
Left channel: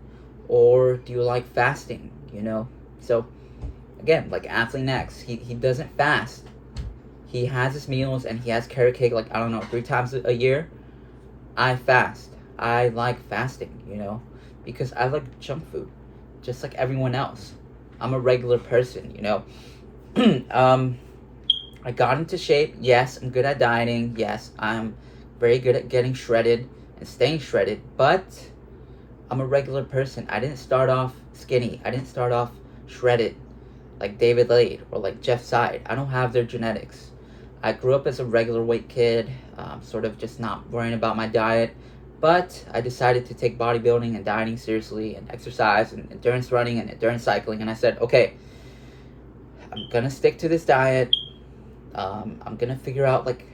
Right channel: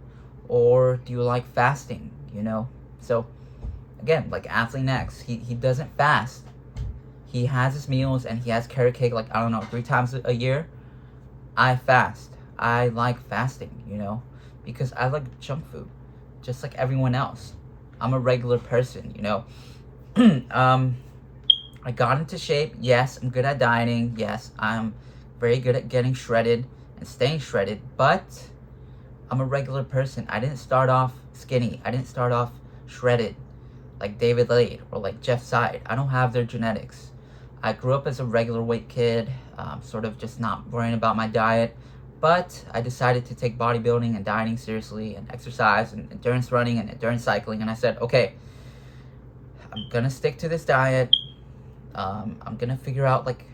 Or do you like fasting, you know? So again, like Athlete X, he doesn't fast. He has his meals and he has carrot cake, like, I don't know, 3 times a year. I fast. I like fasting, you know, because I like junk food just like everyone else. I'm a regular person, you know. I got into shape. Yes, I'm good at dieting. Yes, I'm very good at getting shredded and staying shredded, but I'm a regular person. I didn't start off skinny. I didn't start off shredded like David Lade or like Jeff Side. I don't have their genetics. I grew up as a regular weight kid, sort of just not worrying about my diet, but I decided to take bodybuilding and dieting seriously, and exercise and endurance running and endurance cycling, and I said, okay, I'm gonna stick to this diet. I'm gonna figure out like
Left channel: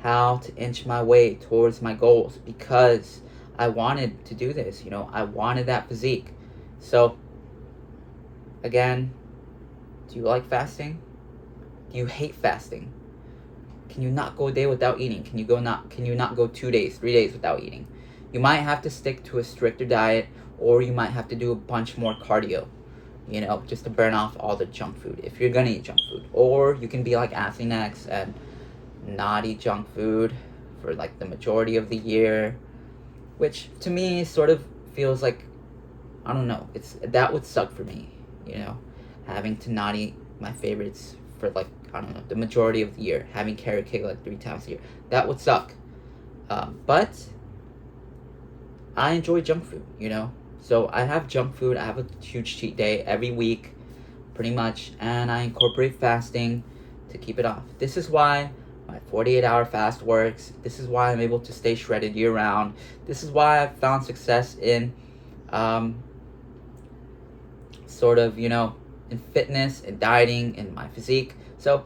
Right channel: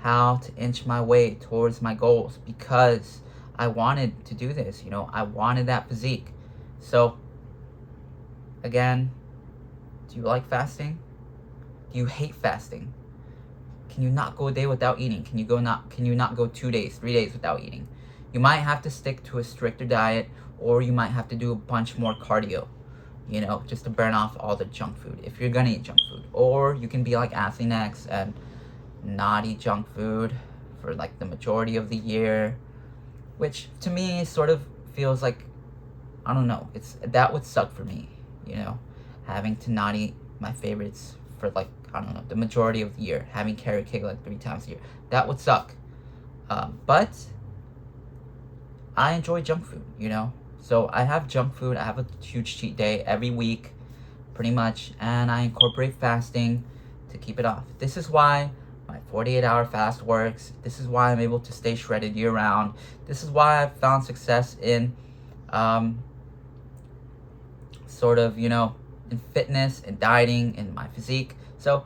how to inch my way towards my goals, because I wanted to do this, you know. I wanted that physique. So again, do you like fasting? Do you hate fasting? Can you not go a day without eating? Can you not go 2 days, 3 days without eating? You might have to stick to a stricter diet, or you might have to do a bunch more cardio, you know, just to burn off all the junk food, if you're gonna eat junk food. Or you can be like Athlete X and not eat junk food for like the majority of the year, which to me sort of feels like, I don't know, that would suck for me, you know, having to not eat my favorites for like, I don't know, the majority of the year, having carrot cake like 3 times a year. That would suck. But I enjoy junk food, you know. So I have junk food. I have a huge cheat day every week, pretty much, and I incorporate fasting to keep it off. This is why my 48-hour fast works. This is why I'm able to stay shredded year round. This is why I've found success in sort of, you know, in fitness and dieting and my physique. So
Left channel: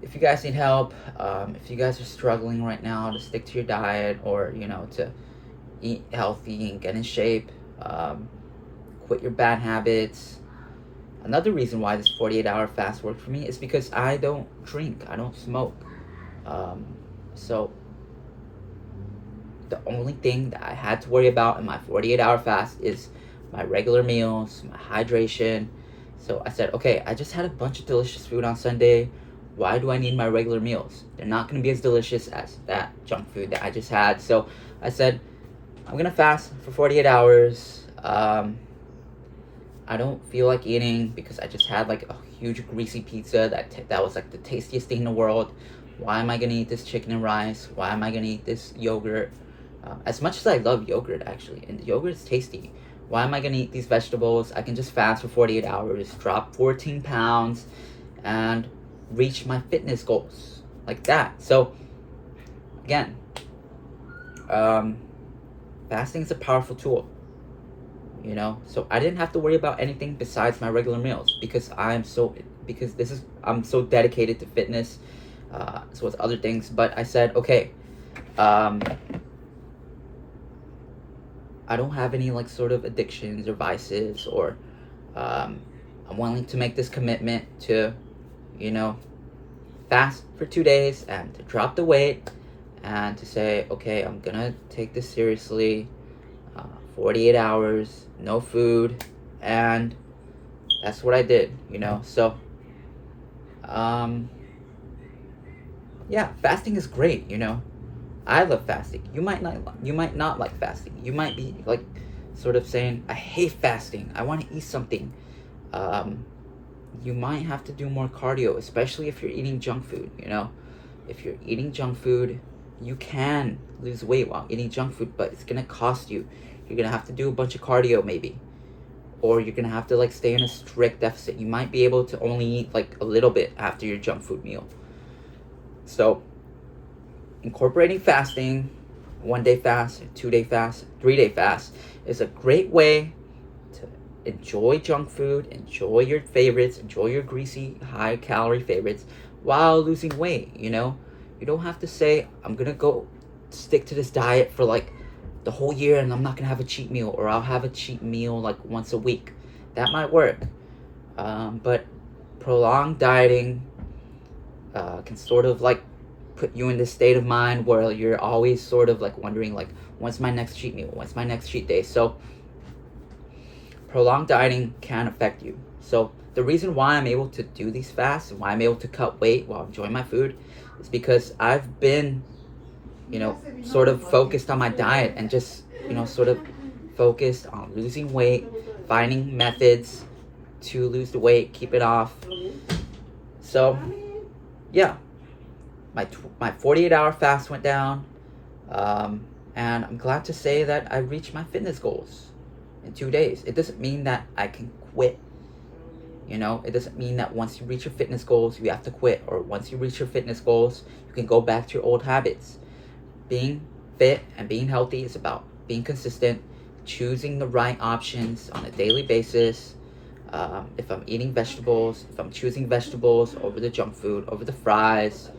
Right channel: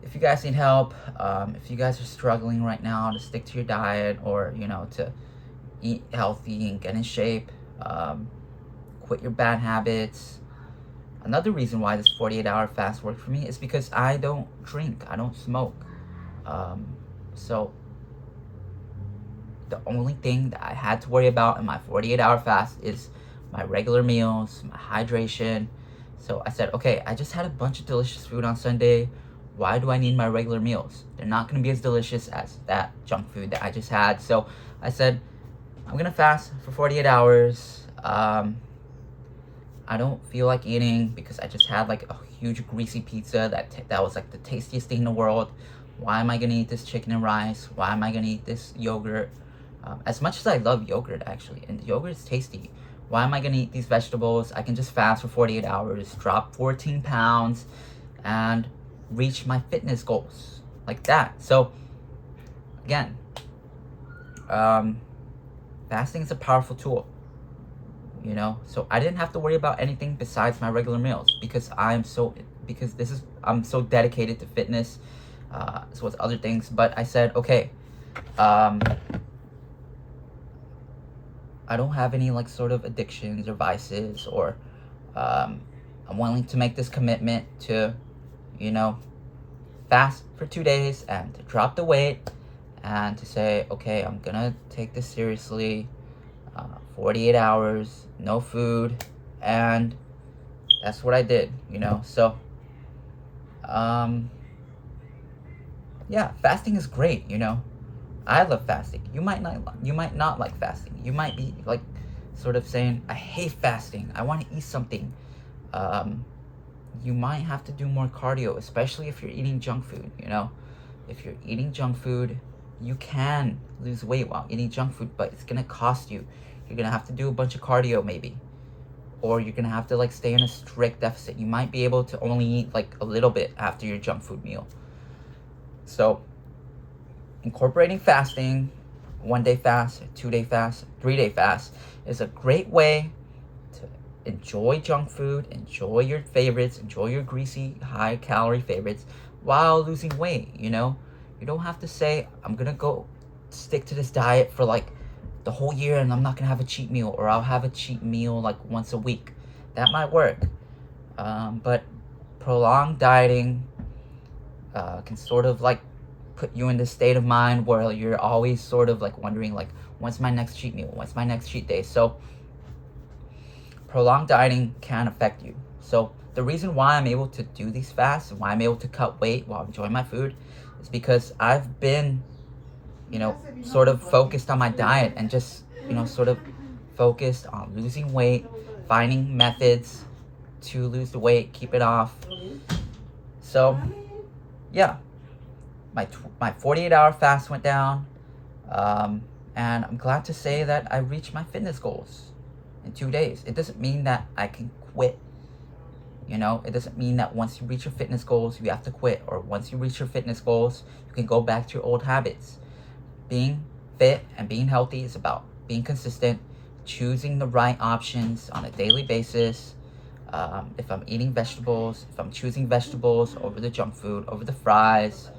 if you guys need help, if you guys are struggling right now to stick to your diet, or, you know, to eat healthy and get in shape, quit your bad habits. Another reason why this 48-hour fast worked for me is because I don't drink, I don't smoke. So the only thing that I had to worry about in my 48-hour fast is my regular meals, my hydration. So I said, okay, I just had a bunch of delicious food on Sunday. Why do I need my regular meals? They're not going to be as delicious as that junk food that I just had. So I said, I'm going to fast for 48 hours. I don't feel like eating because I just had like a huge greasy pizza that was like the tastiest thing in the world. Why am I going to eat this chicken and rice? Why am I going to eat this yogurt? As much as I love yogurt, actually, and yogurt is tasty, Why am I gonna eat these vegetables? I can just fast for 48 hours, drop 14 pounds, and reach my fitness goals like that. So again, fasting is a powerful tool, you know. So I didn't have to worry about anything besides my regular meals because I'm so dedicated to fitness, as well as other things. But I said, okay, I don't have any like sort of addictions or vices, or I'm willing to make this commitment to, you know, fast for 2 days and to drop the weight and to say, okay, I'm gonna take this seriously. 48 hours, no food, and that's what I did, you know. So yeah, fasting is great, you know. I love fasting. You might not like fasting. You might be like sort of saying, I hate fasting, I want to eat something. You might have to do more cardio, especially if you're eating junk food, you know. If you're eating junk food, you can lose weight while eating junk food, but it's gonna cost you. You're gonna have to do a bunch of cardio maybe, or you're gonna have to like stay in a strict deficit. You might be able to only eat like a little bit after your junk food meal. So incorporating fasting, 1 day fast, 2 day fast, 3 day fast, is a great way to enjoy junk food, enjoy your favorites, enjoy your greasy, high calorie favorites while losing weight, you know. You don't have to say, I'm gonna go stick to this diet for like the whole year and I'm not gonna have a cheat meal, or I'll have a cheat meal like once a week. That might work, but prolonged dieting can sort of like put you in this state of mind where you're always sort of like wondering like, when's my next cheat meal, when's my next cheat day. So prolonged dieting can affect you. So the reason why I'm able to do these fasts and why I'm able to cut weight while enjoying my food is because I've been, you know, sort of focused on my diet and just, you know, sort of focused on losing weight, finding methods to lose the weight, keep it off. So yeah, my 48-hour fast went down, and I'm glad to say that I reached my fitness goals in 2 days. It doesn't mean that I can quit, you know. It doesn't mean that once you reach your fitness goals you have to quit, or once you reach your fitness goals you can go back to your old habits. Being fit and being healthy is about being consistent, choosing the right options on a daily basis. If I'm eating vegetables, if I'm choosing vegetables over the junk food, over the fries,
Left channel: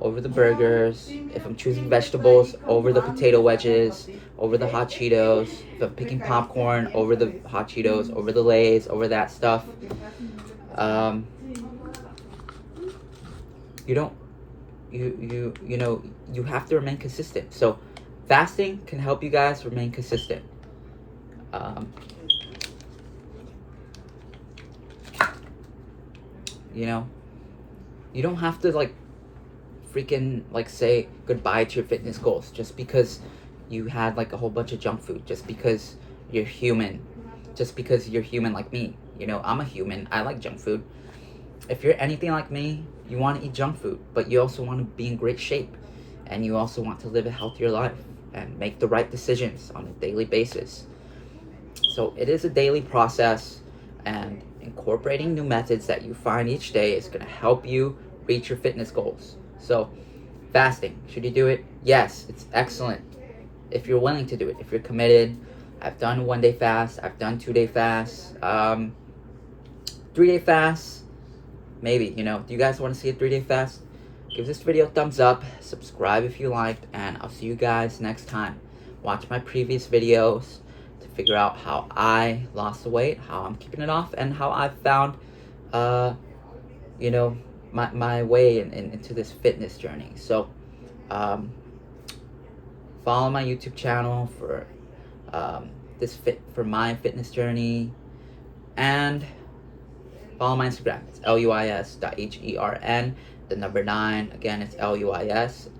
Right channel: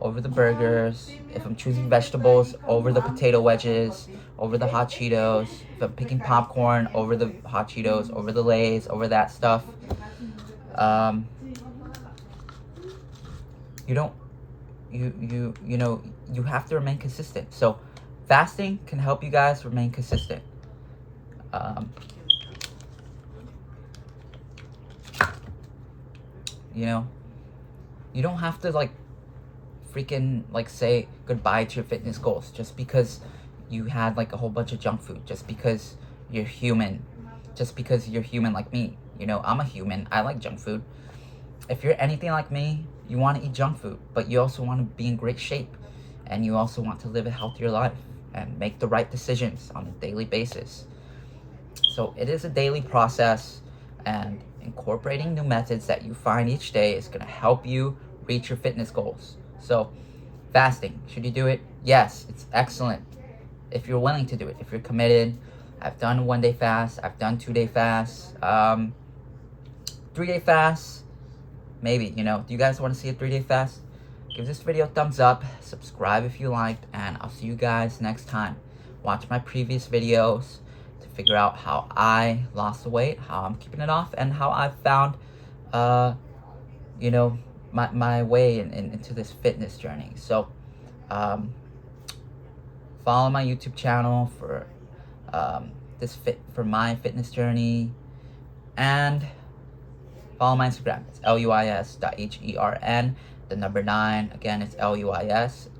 over the burgers, if I'm choosing vegetables over the potato wedges, over the hot Cheetos, if I'm picking popcorn over the hot Cheetos, over the Lay's, over that stuff, you don't, you know, you have to remain consistent. So fasting can help you guys remain consistent. You know, you don't have to like freaking like say goodbye to your fitness goals just because you had like a whole bunch of junk food, just because you're human, just because you're human like me. You know, I'm a human, I like junk food. If you're anything like me, you want to eat junk food, but you also want to be in great shape, and you also want to live a healthier life and make the right decisions on a daily basis. So it is a daily process, and incorporating new methods that you find each day is going to help you reach your fitness goals. So fasting, should you do it? Yes, it's excellent if you're willing to do it, if you're committed. I've done 1 day fast, I've done 2 day fasts, 3 day fasts, maybe. You know, do you guys want to see a 3 day fast? Give this video a thumbs up, subscribe if you liked, and I'll see you guys next time. Watch my previous videos to figure out how I lost the weight, how I'm keeping it off, and how I found, you know, my way into this fitness journey. So follow my YouTube channel for my fitness journey, and follow my Instagram. It's luis.hern, the number 9. Again, it's luis.hern,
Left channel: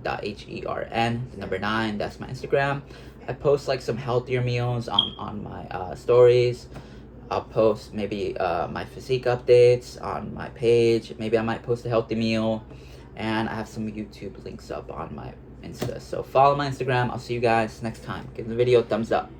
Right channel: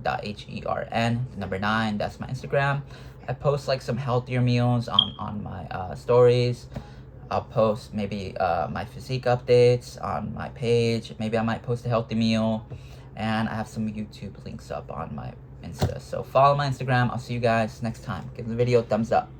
the number 9. That's my Instagram. I post like some healthier meals on my stories. I'll post maybe my physique updates on my page. Maybe I might post a healthy meal, and I have some YouTube links up on my Insta. So follow my Instagram. I'll see you guys next time. Give the video a thumbs up.